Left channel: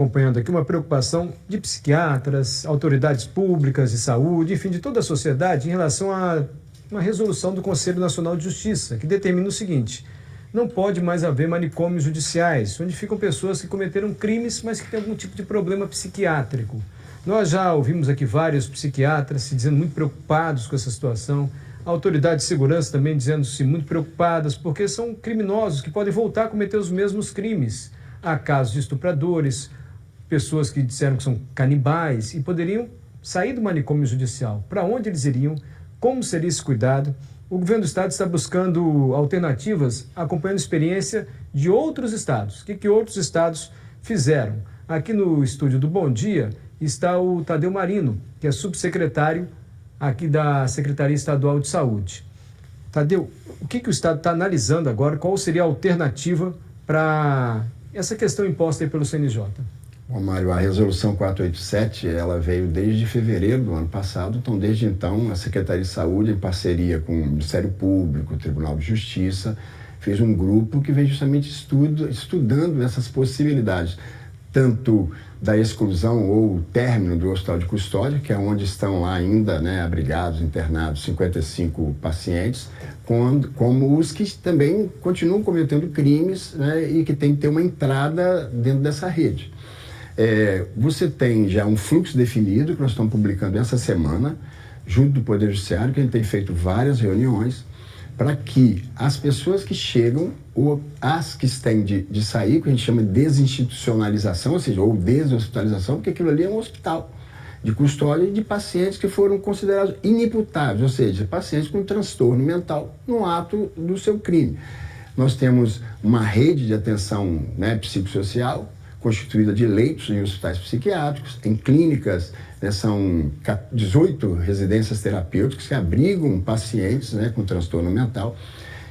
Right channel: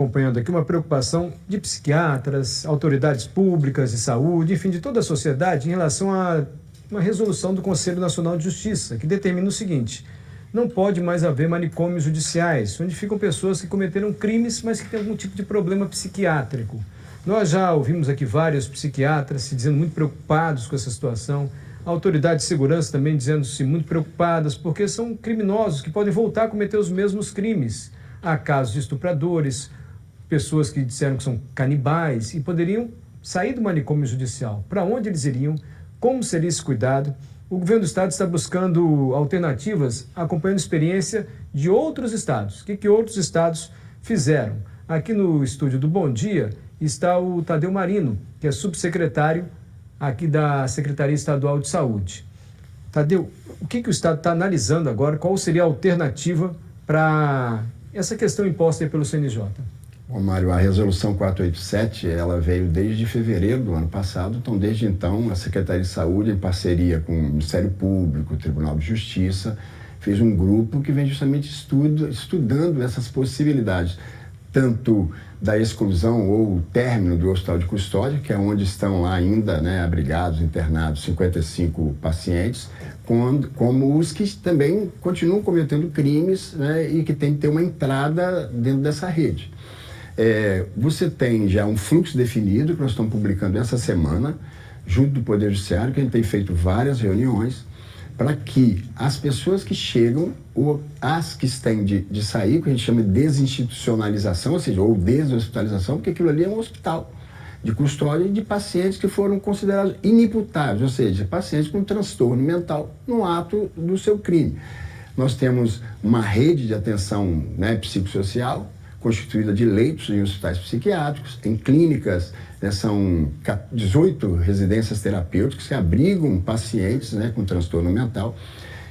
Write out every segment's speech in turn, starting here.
Acompanhando aqui uma preocupação de psiquiatras, autoridades públicas de saúde, enfim, de toda a sociedade em relação a uma resolução do Conselho Nacional de Justiça, que determina o seguinte: não pode mais haver manicômios judiciais, onde ficam pessoas que cometeram crimes, mas que têm algum tipo de problema psiquiátrico. Nós já ouvimos aqui vários psiquiatras se dizendo muito preocupados com essa situação, autoridades de segurança também dizendo-se muito preocupadas, porque são criminosos que podem voltar a cometer os mesmos crimes. Há casos de estupradores, pessoas que disseram que são canibais e poderiam sair do manicômio judicial. Para onde eles iriam? Como seria esse cuidado? O governo do estado está buscando alternativas, acompanhando a experiência de outros estados. O que outros estados fizeram? Aqui no estúdio do Bom Dia está o Tadeu Marino, que é subsecretário aqui da Secretaria Estadual de Saúde. Tadeu, o que o estado está analisando agora? Qual seria a alternativa para essa questão imposta aí pelo CNJ? Bom, Mário, a resolução 487, ela veio desde fevereiro do ano passado, então desde então a Secretaria de Saúde, em parceria com o Ministério Público, o Tribunal de Justiça, fez um grupo que vem justamente estudando essas possibilidades, tanto da exclusão ou término do hospital de custódia, que é onde estão lá ainda, né, abrigados, internados 55 pacientes, como os que também continuam cometendo crimes, né, e que tem que ter uma entrada dentro dessa rede. Você tem já um fluxo definido que nós estamos publicando essa semana, junto do Poder Judiciário, que a gente tem feito várias reuniões, para que as pessoas que chegam, ou as que têm de sair, que a gente chama de desinstitucionalização, ou seja, ou deshospitalização, porque aquilo ali é um hospital de custódia de pacientes que foram considerados inimputáveis, ou seja, pacientes com transtorno mental no ato do seu crime. Nós temos uma rede de atenção, né, psicossocial, constituída de leitos em hospitais psiquiátricos, em clínicas, né, são 18 residências terapêuticas que abrigam pacientes, né, com transtorno mental,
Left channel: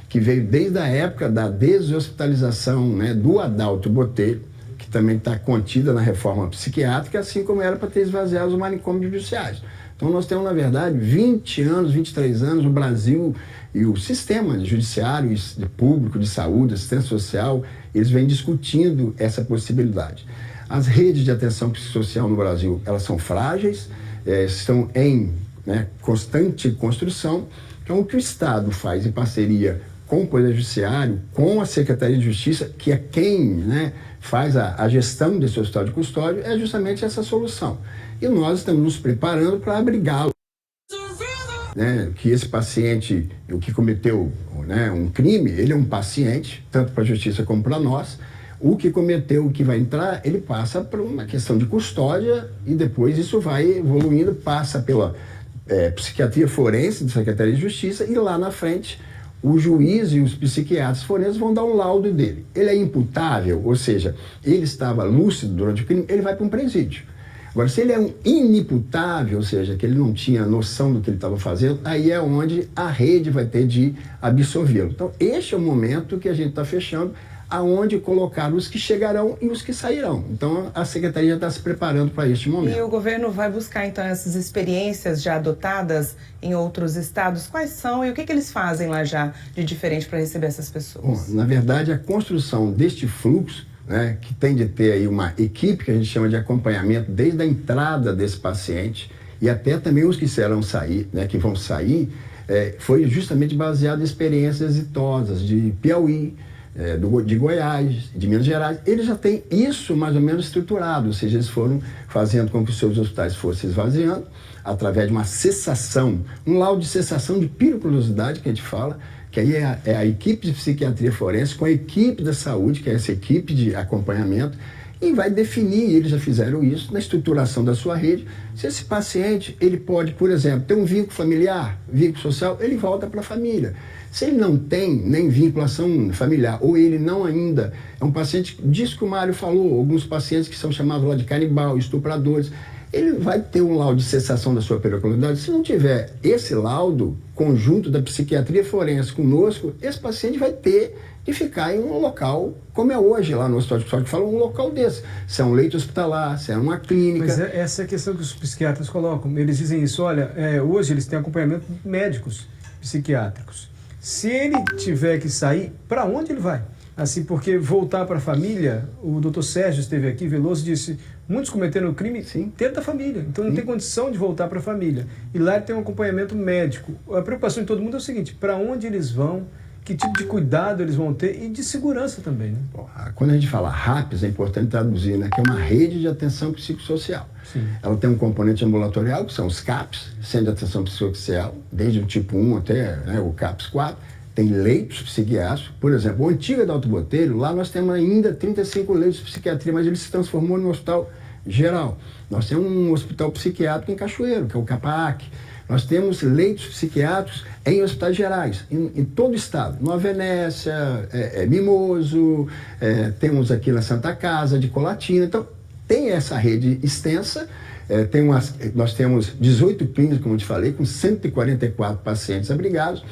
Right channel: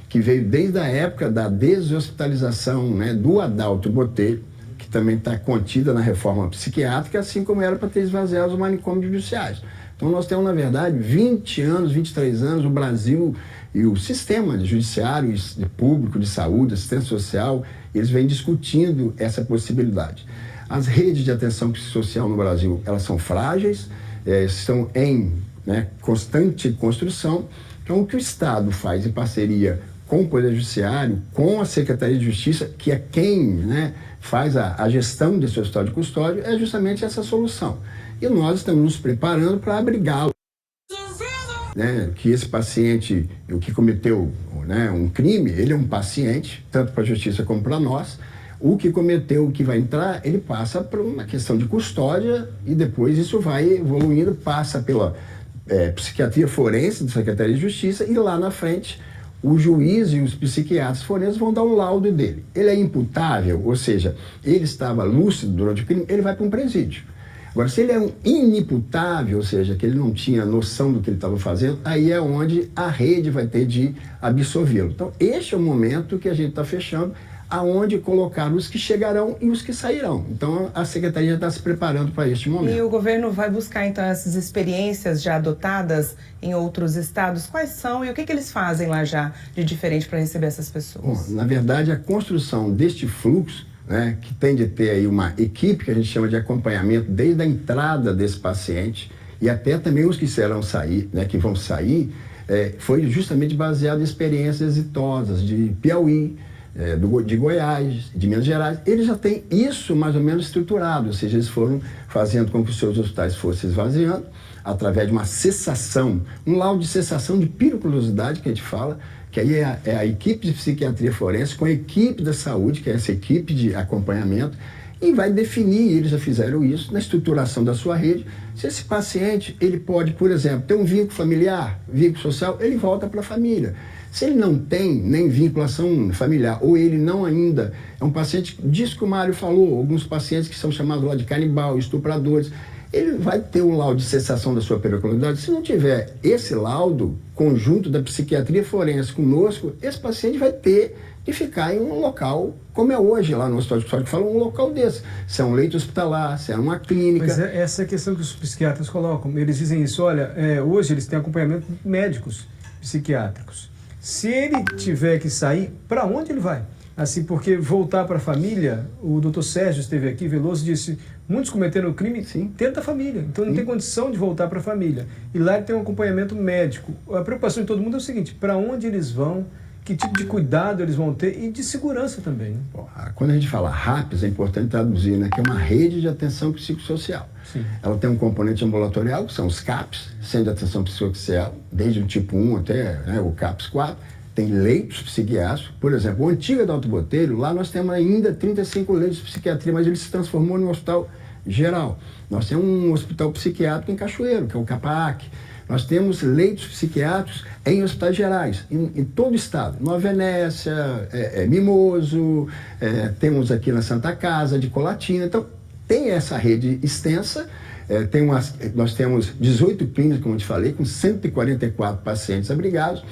que veio desde a época da deshospitalização, né, do Adalto Botelho, que também está contida na reforma psiquiátrica, assim como era para ter esvaziado os manicômios judiciais. Então nós temos, na verdade, 20 anos, 23 anos, o Brasil e o sistema judiciário, de público, de saúde, assistência social, eles vêm discutindo essa possibilidade. As redes de atenção psicossocial no Brasil, elas são frágeis, estão em, né, constante construção. Então, o que o Estado faz em parceria com o Poder Judiciário, com a Secretaria de Justiça, que é quem, né, faz a gestão desse hospital de custódia, é justamente essa solução. E nós estamos nos preparando para abrigá-lo. Né, que esse paciente, o que cometeu, né, um crime, ele é um paciente, tanto para a justiça como para nós. O que cometeu, o que vai entrar, ele passa por uma questão de custódia e depois isso vai evoluindo, passa pela psiquiatria forense da Secretaria de Justiça e lá na frente o juiz e os psiquiatras forenses vão dar um laudo dele. Ele é imputável, ou seja, ele estava lúcido durante o crime, ele vai para um presídio. Agora, se ele é um inimputável, ou seja, que ele não tinha noção do que ele estava fazendo, aí é onde a rede vai ter de absolvê-lo. Então, este é o momento que a gente está fechando, aonde colocar os que chegarão e os que sairão. Então, a Secretaria está se preparando para este momento. E o governo vai buscar, então, essas experiências já adotadas em outros estados? Quais são e o que eles fazem lá já de diferente para receber essas pessoas? Bom, na verdade, a construção deste fluxo, né, que tem de ter aí uma equipe que a gente chama de acompanhamento desde a entrada desse paciente e até também os que serão sair, né, que vão sair, foi justamente baseado em experiências exitosas de Piauí, de Goiás, de Minas Gerais. Eles já têm isso mais ou menos estruturado, ou seja, eles foram fazendo com que os seus hospitais fossem esvaziando através de uma cessação, um laudo de cessação de periculosidade que a gente fala, que aí é a equipe de psiquiatria forense com a equipe da saúde, que é essa equipe de acompanhamento, e vai definir, eles já fizeram isso, na estruturação da sua rede, se esse paciente, ele pode, por exemplo, ter um vínculo familiar, vínculo social, ele volta para a família. Se ele não tem nem vinculação familiar, ou ele não ainda, é um paciente, disso que o Mário falou, alguns pacientes que são chamados lá de canibal, estupradores, ele vai ter um laudo de cessação da sua periculosidade. Se não tiver esse laudo conjunto da psiquiatria forense conosco, esse paciente vai ter de ficar em um local, como é hoje lá no Hospital de Custódia, que fala um local desse. Se é um leito hospitalar, se é uma clínica. Mas essa é a questão que os psiquiatras colocam. Eles dizem isso, olha, hoje eles têm acompanhamento médicos psiquiátricos. Se ele tiver que sair, para onde ele vai? Assim, porque voltar para a família, o doutor Sérgio esteve aqui, Veloso, disse, muitos cometeram crime dentro da família, então não tem condição de voltar para a família. E lá ele tem um acompanhamento médico. A preocupação de todo mundo é o seguinte, para onde eles vão, que tipo de cuidado eles vão ter e de segurança também, né? Bom, quando a gente fala RAPS, é importante traduzir, né, que é uma rede de atenção psicossocial. Sim. Ela tem um componente ambulatorial, que são os CAPs, Centro de Atenção Psicossocial, desde o tipo 1 até, né, o CAPS 4. Tem leitos psiquiátricos. Por exemplo, o antigo Adalto Botelho, lá nós temos ainda 35 leitos de psiquiatria, mas ele se transformou num hospital geral. Nós temos um hospital psiquiátrico em Cachoeiro, que é o CAPAC. Nós temos leitos psiquiátricos em hospitais gerais, em todo o estado. Nova Venécia, Mimoso, temos aqui na Santa Casa, de Colatina. Então, tem essa rede extensa. Nós temos 18 clínicas, como eu te falei, com 144 pacientes abrigados.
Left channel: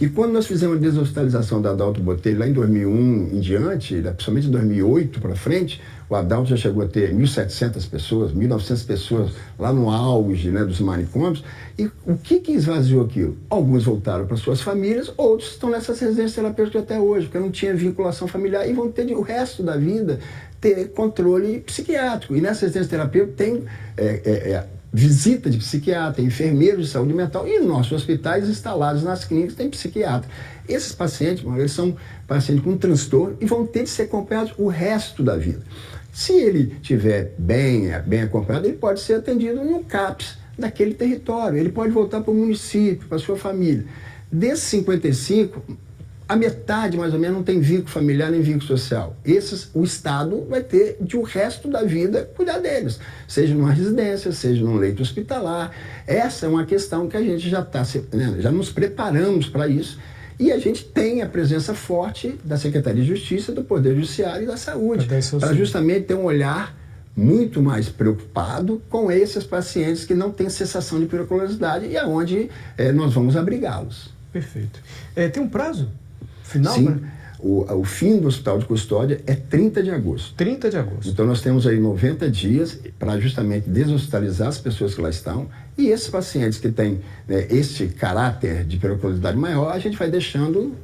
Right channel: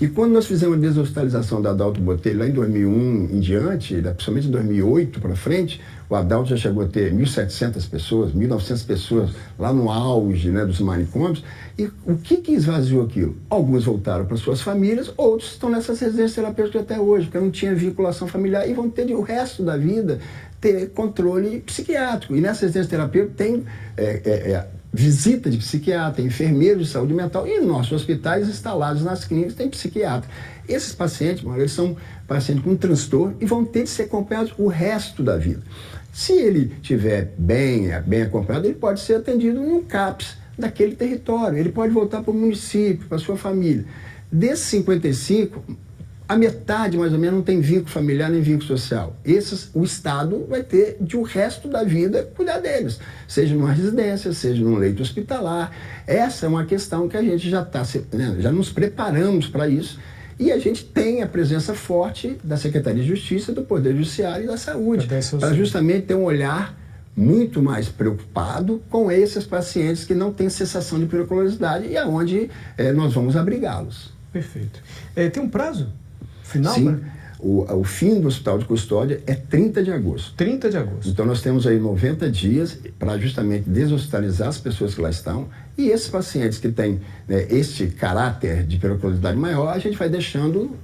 E quando nós fizemos a deshospitalização da Adalto Botelho, lá em 2001 em diante, principalmente em 2008 para frente, o Adalto já chegou a ter 1.700 pessoas, 1.900 pessoas lá no auge, né, dos manicômios. E o que esvaziou aquilo? Alguns voltaram para suas famílias, outros estão nessas residências terapêuticas até hoje, porque não tinha vinculação familiar e vão ter o resto da vida ter controle psiquiátrico. E nessa residência terapêutica tem visita de psiquiatra, enfermeiros de saúde mental e nossos hospitais instalados nas clínicas tem psiquiatra. Esses pacientes, eles são pacientes com transtorno e vão ter de ser acompanhados o resto da vida. Se ele estiver bem acompanhado, ele pode ser atendido em um CAPS daquele território, ele pode voltar para o município, para a sua família. Desses 55, a metade, mais ou menos, não tem vínculo familiar nem vínculo social. O Estado vai ter, de o resto da vida, cuidar deles. Seja numa residência, seja num leito hospitalar. Essa é uma questão que a gente já nos preparamos para isso. E a gente tem a presença forte da Secretaria de Justiça, do Poder Judiciário e da Saúde, para justamente ter um olhar muito mais preocupado com esses pacientes que não têm cessação de periculosidade e aonde nós vamos abrigá-los. Perfeito. Tem um prazo final? Sim, o fim do hospital de custódia é 30 de agosto. 30 de agosto. Então nós temos aí 90 dias para justamente deshospitalizar as pessoas que lá estão e esses pacientes que têm este caráter de periculosidade maior, a gente vai deixando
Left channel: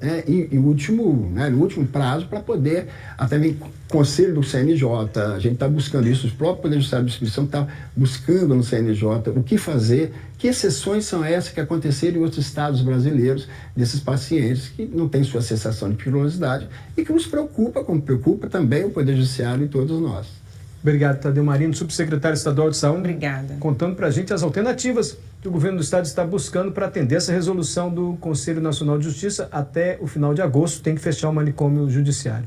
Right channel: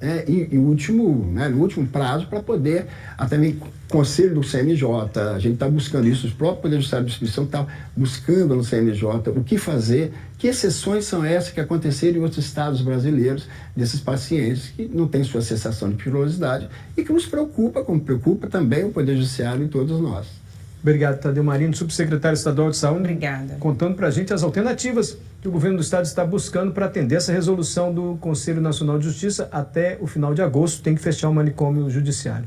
no último prazo para poder, até mesmo conselho do CNJ, a gente está buscando isso, os próprios Poder Judiciário de Distribuição estão buscando no CNJ o que fazer, que exceções são essas que aconteceram em outros estados brasileiros desses pacientes que não têm sua cessação de periculosidade e que nos preocupa, como preocupa também o Poder Judiciário e todos nós. Obrigado, Tadeu Marino, subsecretário estadual de saúde. Obrigada. Contando para a gente as alternativas que o governo do estado está buscando para atender essa resolução do Conselho Nacional de Justiça até o final de agosto. Tem que fechar o manicômio judiciário.